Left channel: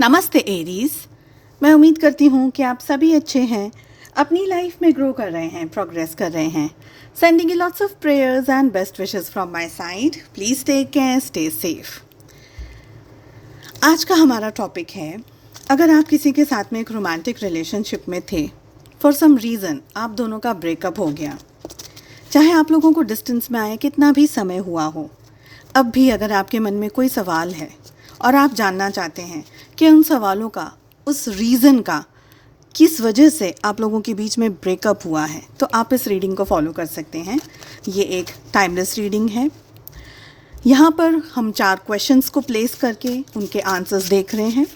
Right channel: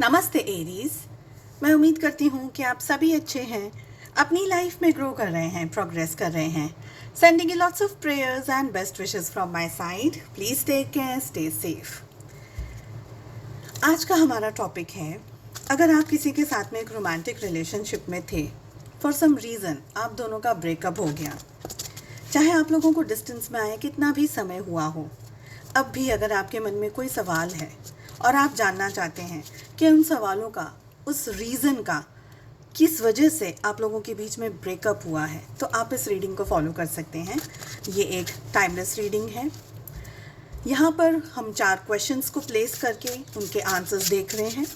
नमस्ते एरीज। मैं उम्मीद करती हूँ कि आप सभी अच्छे हैं, अपनी लाइफ में ग्रो कर रहे हैं, प्रोग्रेस कर रहे हैं। Sending you lots of prayers and best wishes from my side. Please take care, stay safe. आज का हमारा टॉपिक है, अगर आप किसी के साथ में एक रोमांटिक रिलेशनशिप में थे, फॉर सम रीज़न आप दोनों का ब्रेकअप हो गया, चाहे आप लोगों को डिस्टेंस में आए कितना भी समय हुआ हो, अब भी अगर आपके मन में कोई सवाल है और आप जानना चाहते हैं कि उन सवालों का, उस रीज़न का, किस वजह से आप लोगों के बीच में ब्रेकअप हुआ है, तो आप इस रीडिंग को फॉलो कर सकते हैं। ये एक टाइमलेस रीडिंग है। यहाँ पर हम 4 क्वेश्चंस को प्लेस करके उनके आंसर्स देख रहे हैं,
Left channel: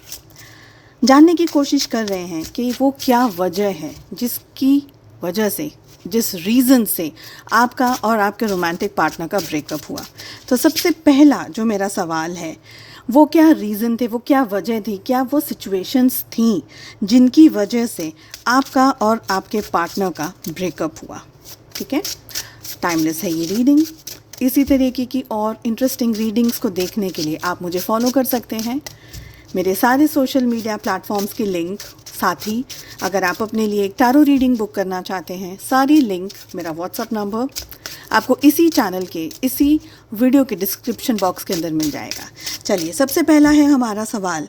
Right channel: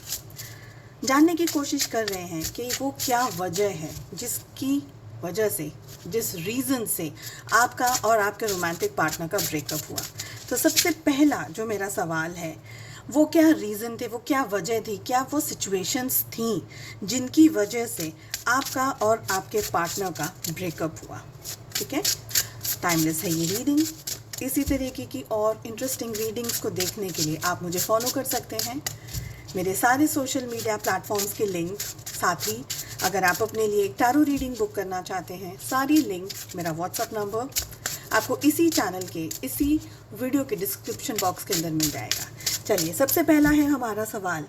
जानने की कोशिश कर रहे हैं कि वो क्या वजह है जिसकी वजह से, जिस रीज़न से आपका और आपके रोमांटिक पार्टनर का ब्रेकअप हुआ। तो सबसे पहला जो मेरा सवाल है, वो क्या रीज़न थे, वो क्या वजह थी, क्या वो सिचुएशंस थी जिनकी वजह से आपका और आपके पार्टनर का ब्रेकअप हुआ। ठीक है, टाइमलेस है ये रीडिंग। इसी तरीके की और इंटरेस्टिंग रीडिंग्स को देखने के लिए आप मुझे फॉलो कर सकते हैं। मेरे सारे सोशल मीडिया प्लेटफॉर्म्स के लिंक, साथ ही अगर आप अपने लिए एक टैरो रीडिंग बुक करना चाहते हैं, सारी लिंक, मेरा व्हाट्सएप नंबर आपको इसी चैनल के, इसी वीडियो के डिस्क्रिप्शन बॉक्स के अंदर मिल जाएगा। चलिए, सबसे पहला है हमारा सवाल,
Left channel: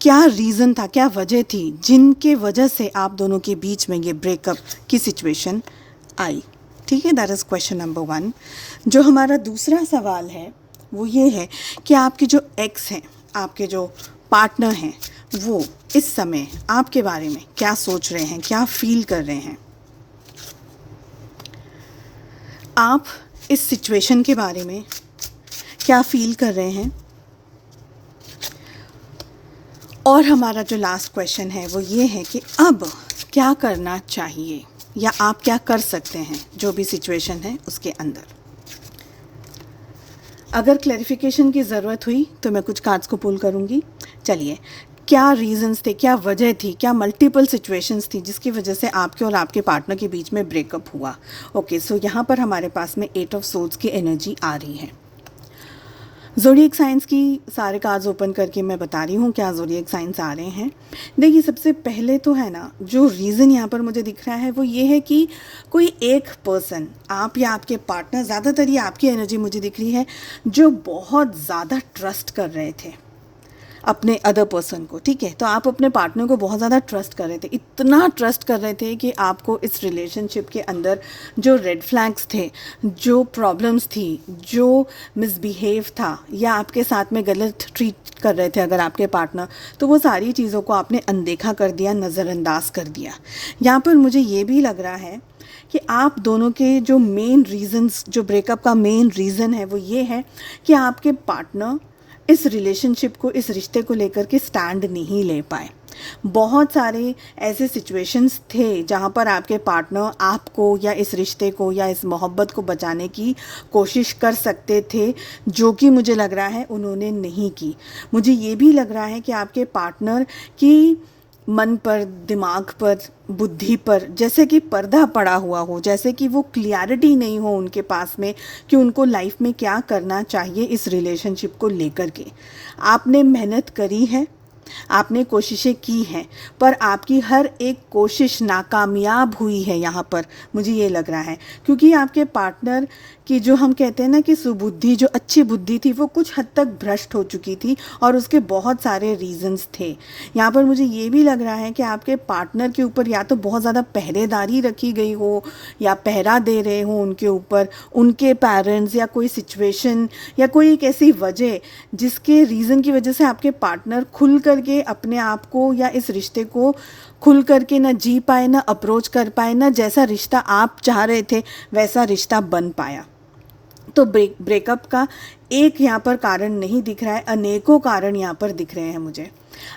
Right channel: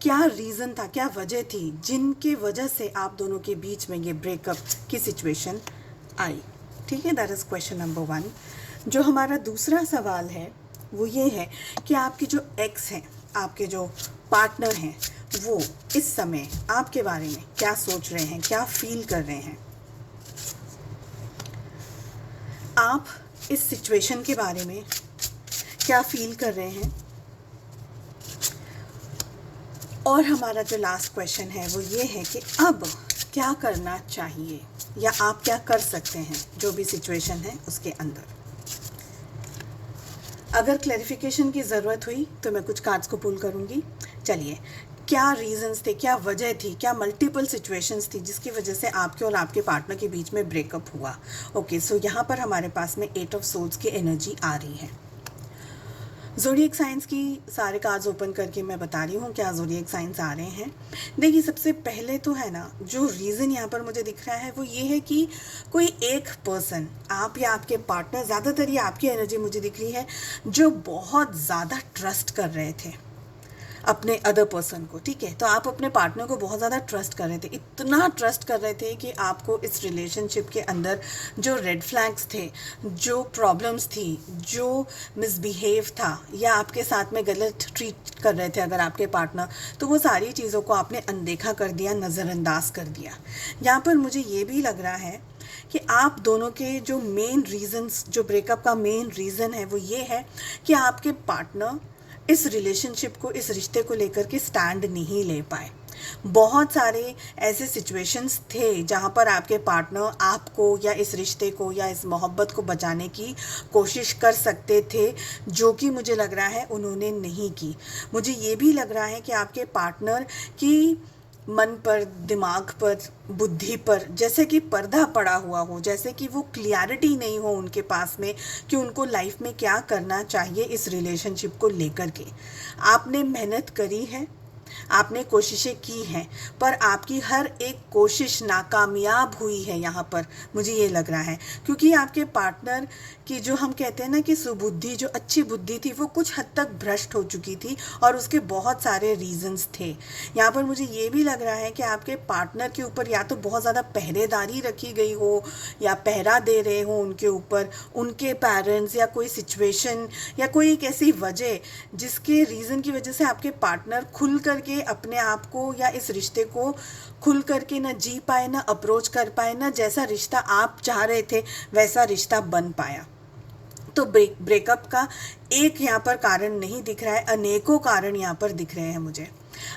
क्या रीज़न था, क्या वजह थी जिनके वजह से आप दोनों के बीच में ये ब्रेकअप की सिचुएशन आई। ठीक है, दैट इज़ क्वेश्चन नंबर 1। जो हमारा दूसरा सवाल है वो ये है कि आपके जो एक्स हैं, आपके जो पार्टनर हैं, वो इस समय आपके बारे में क्या सोच रहे हैं, क्या फील कर रहे हैं। आप इस सिचुएशन के बारे में क्या फील कर रहे हैं। और हमारा जो लास्ट क्वेश्चन है वो ये है कि अब क्या करना चाहिए या आप क्या कर सकते हैं जो भी सिचुएशन है उसके अंदर। अगर क्लैरिफिकेशन की ज़रूरत हुई तो मैं कुछ कार्ड्स को पुल करूँगी। चलिए, क्या रीजंस थे, क्या वजह थी, क्या मल्टीपल सिचुएशंस थी जिसकी वजह से आपके और आपके पार्टनर के बीच में ब्रेकअप हुआ। ओके, सो यहाँ पर हमारे पास में 8 ऑफ सोर्ड्स की एनर्जी आ रही है। ज़ोडिएक साइंस की सारे कार्ड्स ओपन करके मैं बता रही हूँ क्या ज़ोडिएक साइंस आ रहे हैं। देखिए, सबसे पहले तो है ना, जो रीज़न यहाँ पर मुझे दिख रहा है वो ये है कि कोई एक पर्सन, आप या आपके पार्टनर, ज़्यादातर ये आपकी एनर्जी मुझे दिख रही है, जो बहुत ज़्यादा ट्रस्ट कर रहे थे अपने अदर पर्सन को। ठीक है, तो आप अपने पार्टनर को बहुत ज़्यादा ट्रस्ट कर रहे थे, इतना ट्रस्ट कर रहे थे कि आपको इस रिलेशनशिप के अंदर जो रेड फ्लैग्स थे, जो प्रॉब्लम्स थी, जो मिसबिहेव था या आपके साथ में गलत ट्रीट कर रहे थे अगर आपके पार्टनर, तो वो सारी चीज़ों को आपने अनदेखा कर दिया, नज़रअंदाज कर दिया। यहाँ पर मुझे ये भी लग रहा है कि आप दोनों के जो मेन रीज़न्स, जो ब्रेकअप का मेन रीज़न है वो ये है कि आपके पार्टनर इस रिलेशनशिप को, इस रिश्ते को लेकर के स्टैंड नहीं ले पाए। बहुत सारे ऐसे सिचुएशंस थे जहाँ पर आपके पार्टनर आपको या इस रिश्ते को या इस मोहब्बत को बचाने की कोशिश कर सकते थे, जो कि मुझे लग रहा है उन्होंने नहीं की। मुझे ये भी लग रहा है कि आपके पार्टनर की मन पर, दिमाग पर, बुद्धि पर जैसे कि पर्दा पड़ा हुआ हो, जैसे कि वो क्लियरिटी नहीं हो उनके पास में कि उनको लाइफ में क्या करना चाहिए इस रिलेशनशिप को लेकर के। आपने मेहनत करी है, आपने कोशिशें की हैं, पर आपकी हर एक कोशिश नाकामयाब हुई है यहाँ पर, मुझे ये लग रहा है, क्योंकि आपके पार्टनर की जो हम कहते हैं ना कि सुबुद्धि, जो अच्छी बुद्धि थी, वो कुछ हद तक भ्रष्ट हो चुकी थी और उसके बहुत सारे रीजंस थे। यहाँ पर मुझे ये भी लग रहा है कि आपके पार्टनर के ऊपर या तो बहुत ज़्यादा पहरेदारी रखी गई हो या पहरा दे रहे हो उनके ऊपर उनके पेरेंट्स, या कोई सिचुएशन या कोई एक ऐसी वजह जिसके रीज़न की वजह से आपके पार्टनर खुल करके अपने आप को या इस रिश्ते को खुल करके ना जी पाए, ना अप्रोच कर पाए, ना जैसा रिश्ता आप चाह रहे थे वैसा रिश्ता बन पाया। तो ब्रेकअप का एक यहाँ पर कारण नहीं दिख रहा है, अनेकों कारण यहाँ पर दिख रहे हैं मुझे।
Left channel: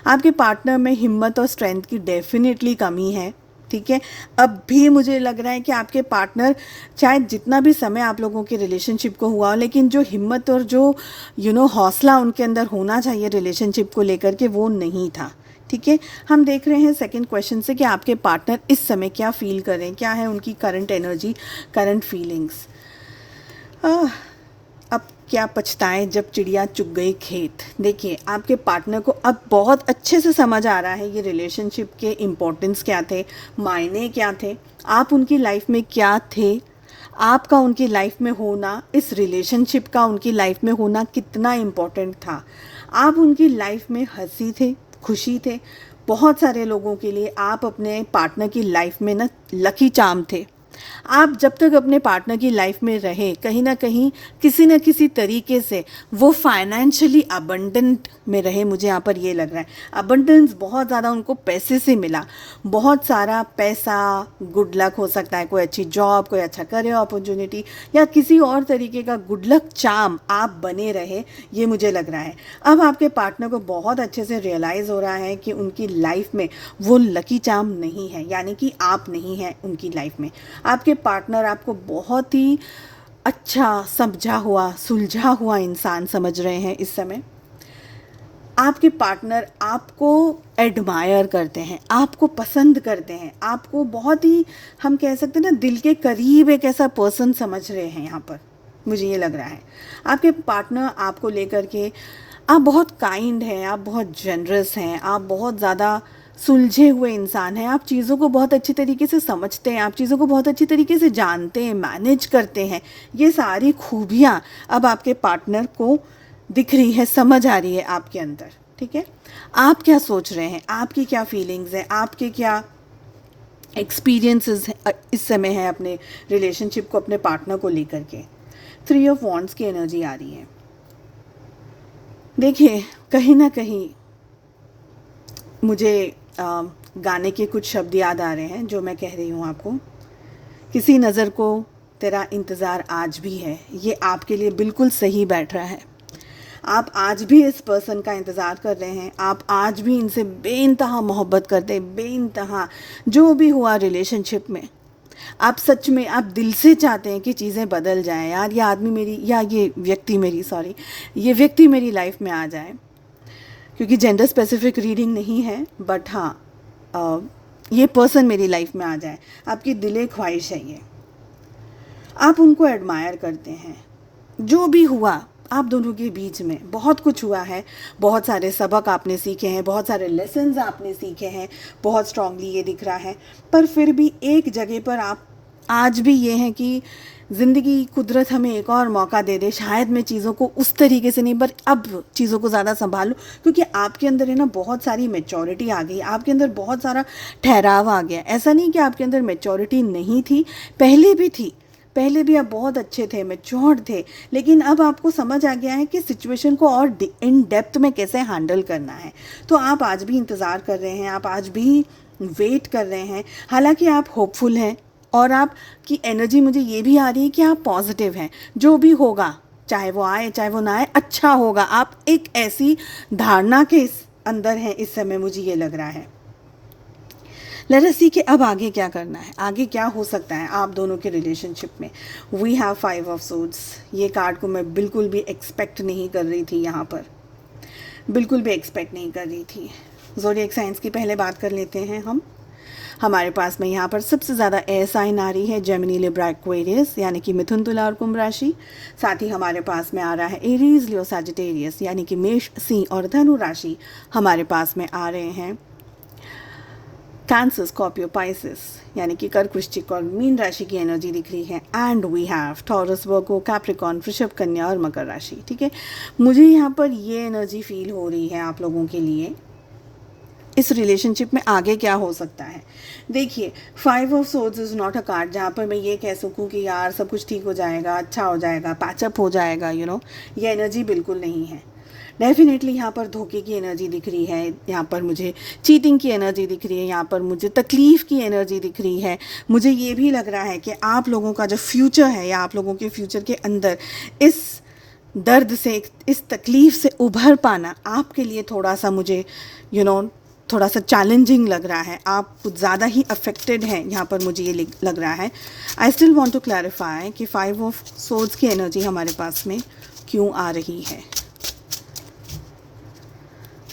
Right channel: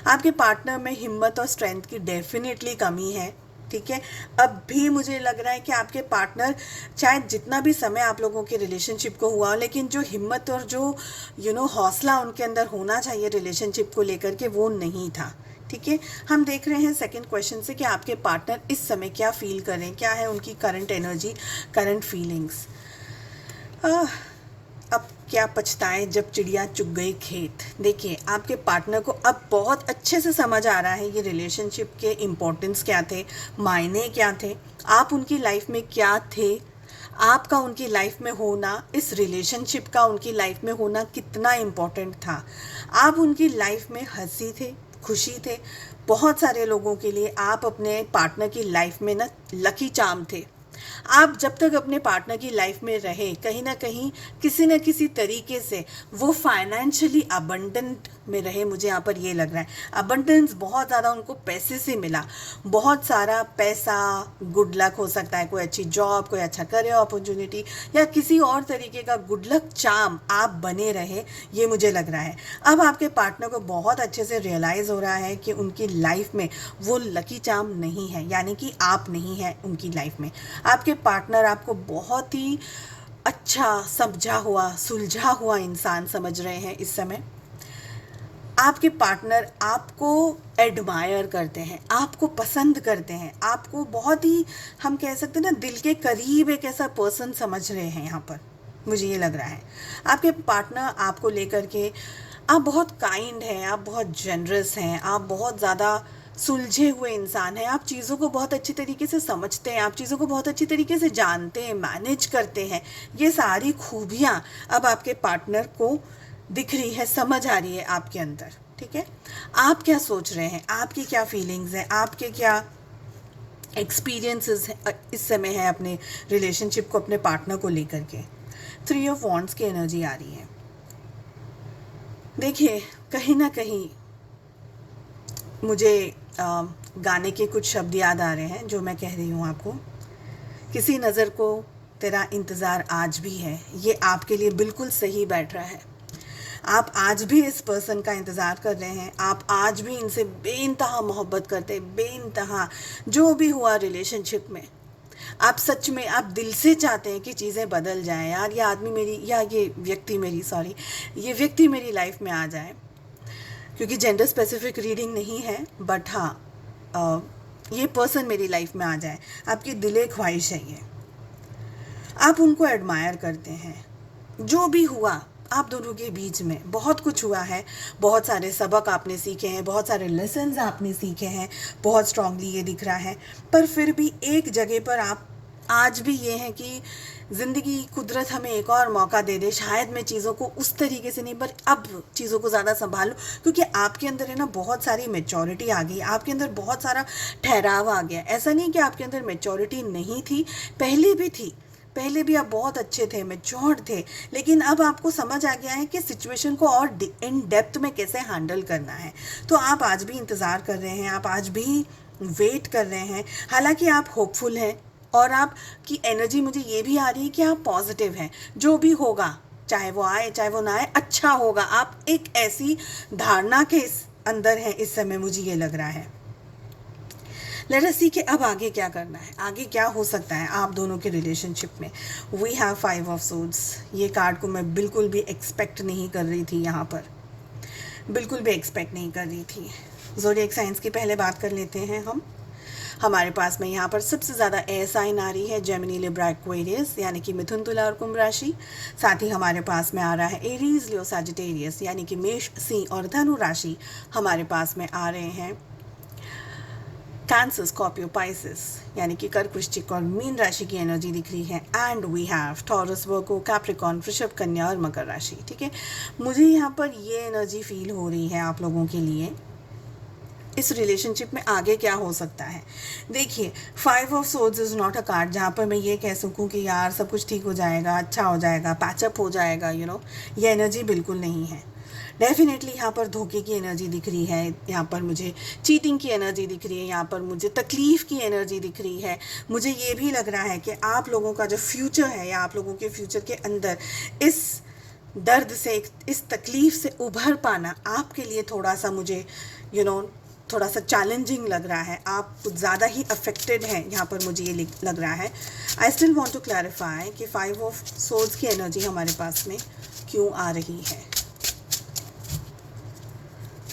आपके पार्टनर में हिम्मत और स्ट्रेंथ की डेफिनेटली कमी है। ठीक है, अब भी मुझे लग रहा है कि आपके पार्टनर, चाहे जितना भी समय आप लोगों के रिलेशनशिप को हुआ हो, लेकिन जो हिम्मत और जो हौसला उनके अंदर होना चाहिए रिलेशनशिप को लेकर के, वो नहीं था। ठीक है, हम देख रहे हैं सेकंड क्वेश्चन से कि आपके पार्टनर इस समय क्या फील कर रहे हैं, क्या है उनकी करंट एनर्जी, करंट फीलिंग्स। अब क्या पछताएं जब चिड़िया चुग गई खेत। देखिए, आपके पार्टनर को अब बहुत अच्छे से समझ आ रहा है ये रिलेशनशिप के इम्पोर्टेंस क्या थे, मायने क्या थे, आप उनकी लाइफ में क्या थे, आपका उनकी लाइफ में होना, इस रिलेशनशिप का उनकी लाइफ में होना कितना इम्पोर्टेंट था। आप उनकी लाइफ में हंसी थे, खुशी थे। बहुत सारे लोगों के लिए आप अपने पार्टनर की लाइफ में ना लकी चार्म थे। आप जब तक अपने पार्टनर की लाइफ में रहे, कहीं ना कहीं किसी न किसी तरीके से वो फाइनेंशियली अबंडेंट में रहे। मुझे यहाँ पर ये लग रहा है अबंडेंस बहुत ज़्यादा उनको पैसे से मिला, बहुत सारा पैसा, गुड लक हो सकता है, कोई अच्छी जॉब, कोई अच्छा करियर अपॉर्चुनिटी, या किसी और तरीके का गुड लक चार्म आप बने रहे, ये मुझे लग रहा है। अब आपके पार्टनर को बहुत अच्छे से रियलाइज़ हो रहा है कि उनकी लाइफ में वो लकी चार्म नहीं है, यानी कि आप नहीं हैं उनकी लाइफ में। आपके पार्टनर आपको बहुत ही अच्छा, समझा हुआ, सुलझा हुआ इंसान समझ रहे हैं इस समय। आपके पार्टनर आपको एडमायर करते हैं, आपको पसंद करते हैं, आपको बहुत ही, हम कह सकते हैं ना, दिल के करीब एक ऐसा पर्सन समझ रहे हैं यहाँ पर, मुझे ये लग रहा है। आपके पार्टनर आपको लेकर के, आप बहुत काइंड हैं, आप बहुत जनरस हैं, आप बहुत ज़्यादा सुलझे हुए इंसान हैं, आप चीज़ों को बहुत अच्छी तरीके से समझते हैं, आप चीज़ों को बहुत अच्छी तरीके से जानते हैं, मैनेज करते हैं। ये सारी खूबियाँ अब आपके पार्टनर को दिख रही है, समझ आ रही है आपके अंदर। ठीक है, आप क्या सोच रहे हैं, आपकी क्या फीलिंग्स हैं, आपके क्या एक्सपीरियंसेस इस समय है अपने रिलेशनशिप को, अपने पार्टनर को लेकर के। 3 ऑफ वॉन्ड्स की एनर्जी आ रही है। देखिए, कहीं ना कहीं मुझे गाने के कुछ शब्द याद आ रहे हैं जो मैं कह रही हूँ आपको। किसी नज़र को तेरा इंतज़ार आज भी है, ये आपके लिए बिल्कुल सही बैठ रहा है। आप आज भी इस पर्सन का इंतज़ार कर रहे हैं, आप आज भी इनसे बेइंतहा मोहब्बत करते हैं, बेइंतहा जो भी हुआ रिलेशनशिप में, आप सच में, आप दिल से चाहते हैं कि चीज़ें बदल जाएं। यार, ये आदमी मेरी, या ये व्यक्ति मेरी लाइफ में आ जाए। क्योंकि जेंडर स्पेसिफिक रीडिंग नहीं है, बट हाँ, ये पर्सन मेरी लाइफ में आ जाए, आपकी दिले ख्वाहिश है ये। आप उनको एडमायर करते हैं। जो भी हुआ आप दोनों के बीच में, बहुत कुछ हुआ है, बहुत सारे सबक आपने सीखे हैं, बहुत सारे लेसन्स आपने सीखे हैं, बहुत स्ट्रांगली ये दिख रहा है। पर फिर भी एक जगह पर आप आज भी ये हैं कि ज़िंदगी, कुदरत हमें एक और मौका दे दे, शायद मैं चीज़ों को उस तरीके से नहीं, पर अब चीज़ों को ज़्यादा संभालूं, क्योंकि आपके अंदर है ना बहुत सारी मैच्योरिटी आ गई, आपके अंदर बहुत सारा ठहराव आ गया। ऐसा नहीं कि आपके अंदर मैच्योरिटी नहीं थी, पहले भी थी, पहले भी आप बहुत अच्छे थे, मैच्योर्ड थे, लेकिन अब आपको समझ आ गया है कि सिचुएशन को और इन डेप्थ में कैसे हैंडल करना है। तो आप आज भी इंतज़ार कर रहे हैं, आप आज भी वेट कर रहे हैं। हालांकि आप होपफुल हैं और आपकी एनर्जी मुझे ये भी आ रही है कि आप पॉजिटिव हैं। जो भी होगा, चाहे वो आए चाहे वो ना आए, अच्छा होगा। आप एक ऐसी धारणा के अंदर हैं इस समय, मुझे ये लग रहा है। लेट अस सी कि अब आगे क्या करना है, आगे क्या हो सकता है आप दोनों के रिलेशनशिप में। We have 5 of swords. ये कार्ड को मैं बिल्कुल भी एक्सपेक्ट नहीं कर रही थी, यहाँ पर बिल्कुल भी एक्सपेक्ट नहीं कर रही थी। ज़ोडिएक साइंस की पहले बात कर लेते हैं हम। हमारे पास में यहाँ पर सबसे ज़्यादा एयर साइन आ रही है जेमिनी, लिब्रा, एक्वेरियस, यानी कि मिथुन, तुला और कुंभ राशि। साथ ही हमारे पास में आ रहा है एरीज, लियो, सजिटेरियस, यानी कि मेष, सिंह और धनु राशि। हमारे पास में आ रहे हैं कैंसर, स्कॉर्पियो, पाइसिस, यानी कि कर्क, वृश्चिक और मीन राशि की एनर्जी दिख रही है। And we have Taurus, Virgo, Capricorn, वृषभ, कन्या और मकर राशि। ठीक है, मुझे यहाँ पर ये एनर्जी फील हो रही है आप लोगों के लिए। इस रिलेशनशिप में आगे क्या हो सकता है। देखिए, 5 of swords is not a card जहाँ पर मैं ये कह सकूँ कि यार सब कुछ ठीक हो जाएगा, अच्छा हो जाएगा, पैचअप हो जाएगा, ये एनर्जी बिल्कुल नहीं है। डेफिनेटली यहाँ पर धोखे की एनर्जी दिख रही है, यहाँ पर मुझे चीटिंग की एनर्जी दिख रही है, यहाँ पर मुझे तकलीफ़ की एनर्जी दिख रही है। मुझे ये भी लग रहा है कि आप लोगों का जो फ्यूचर है, या आप लोगों के फ्यूचर के अंदर इस दर्द से, इस तकलीफ़ से उभर पाना आपके लिए थोड़ा सा, मुझे थोड़ा सा चैलेंजिंग लग रहा है। आप कुछ ज़्यादा ही अफेक्टेड हैं, यहाँ पर मुझे ये लग रहा है। I still want to clarify कि 5 ऑफ सोर्ड्स की एनर्जी हमारे पास में क्यों आ रही है।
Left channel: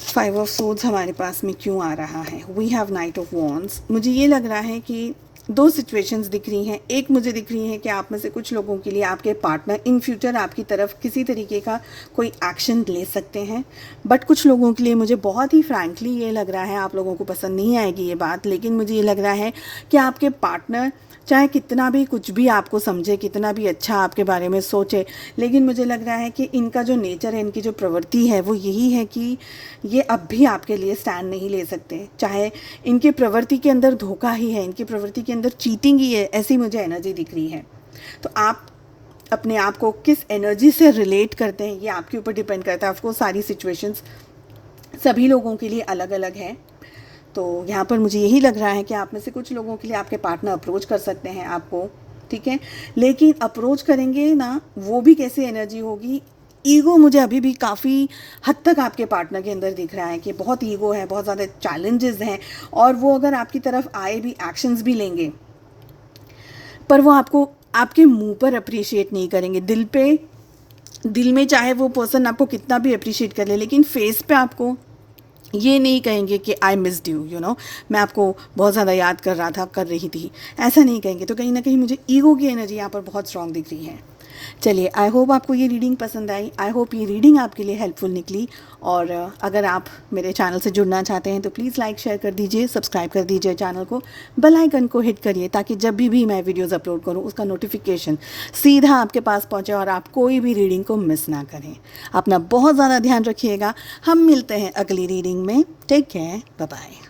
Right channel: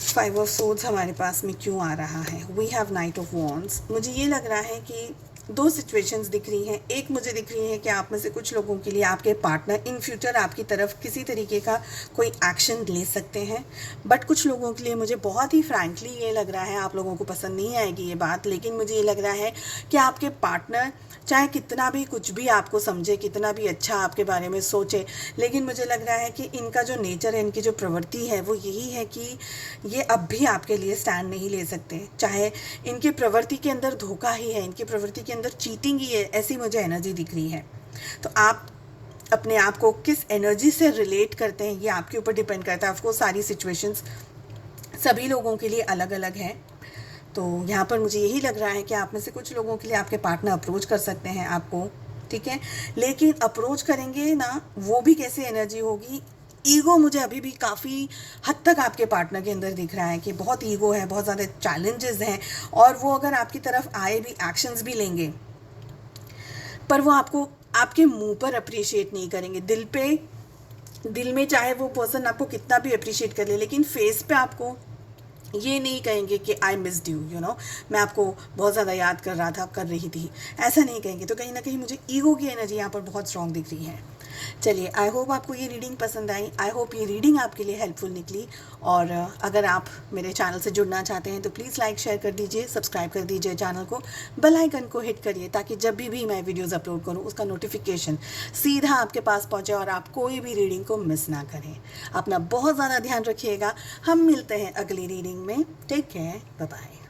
5 ऑफ सोर्ड्स हमारे पास में क्यों आ रहा है। We have knight of wands. मुझे ये लग रहा है कि दो सिचुएशंस दिख रही हैं। एक मुझे दिख रही है कि आप में से कुछ लोगों के लिए आपके पार्टनर इन फ्यूचर आपकी तरफ किसी तरीके का कोई एक्शन ले सकते हैं, बट कुछ लोगों के लिए मुझे बहुत ही फ्रैंकली ये लग रहा है, आप लोगों को पसंद नहीं आएगी ये बात, लेकिन मुझे ये लग रहा है कि आपके पार्टनर चाहे कितना भी कुछ भी आपको समझे, कितना भी अच्छा आपके बारे में सोचे, लेकिन मुझे लग रहा है कि इनका जो नेचर है, इनकी जो प्रवृत्ति है वो यही है कि ये अब भी आपके लिए स्टैंड नहीं ले सकते। चाहे इनकी प्रवृत्ति के अंदर धोखा ही है, इनकी प्रवृत्ति के अंदर चीटिंग ही है, ऐसी मुझे एनर्जी दिख रही है। तो आप अपने आप को किस एनर्जी से रिलेट करते हैं ये आपके ऊपर डिपेंड करता है। आपको सारी सिचुएशंस सभी लोगों के लिए अलग अलग है। तो यहाँ पर मुझे यही लग रहा है कि आप में से कुछ लोगों के लिए आपके पार्टनर अप्रोच कर सकते हैं आपको, ठीक है, लेकिन अप्रोच करेंगे ना, वो भी कैसी एनर्जी होगी। ईगो मुझे अभी भी काफ़ी हद तक आपके पार्टनर के अंदर दिख रहा है कि बहुत ईगो है, बहुत ज़्यादा चैलेंजेस हैं, और वो अगर आपकी तरफ आए भी, एक्शंस भी लेंगे, पर वो आपको आपके मुंह पर अप्रिशिएट नहीं करेंगे। दिल में चाहे वो पर्सन आपको कितना भी अप्रिशिएट कर ले, लेकिन फेस पे आपको ये नहीं कहेंगे कि I missed you, you know, मैं आपको बहुत ज़्यादा याद कर रहा था, कर रही थी, ऐसा नहीं कहेंगे। तो कहीं ना कहीं मुझे ईगो की एनर्जी यहाँ पर बहुत स्ट्रांग दिख रही है। चलिए, आई होप आपको ये रीडिंग पसंद आई, आई होप ये रीडिंग आपके लिए हेल्पफुल निकली। और अगर आप मेरे चैनल से जुड़ना चाहते हैं तो प्लीज़ लाइक शेयर कर दीजिए, सब्सक्राइब कर दीजिए चैनल को, बेल आइकन को हिट करिए, ताकि जब भी मैं वीडियोस अपलोड करूं उसका नोटिफिकेशन सीधा आपके पास पहुंचे और आप कोई भी रीडिंग को मिस ना करें। अपना बहुत ज़्यादा ध्यान रखिएगा। हम मिलते हैं अगली रीडिंग में। Take care, bye bye.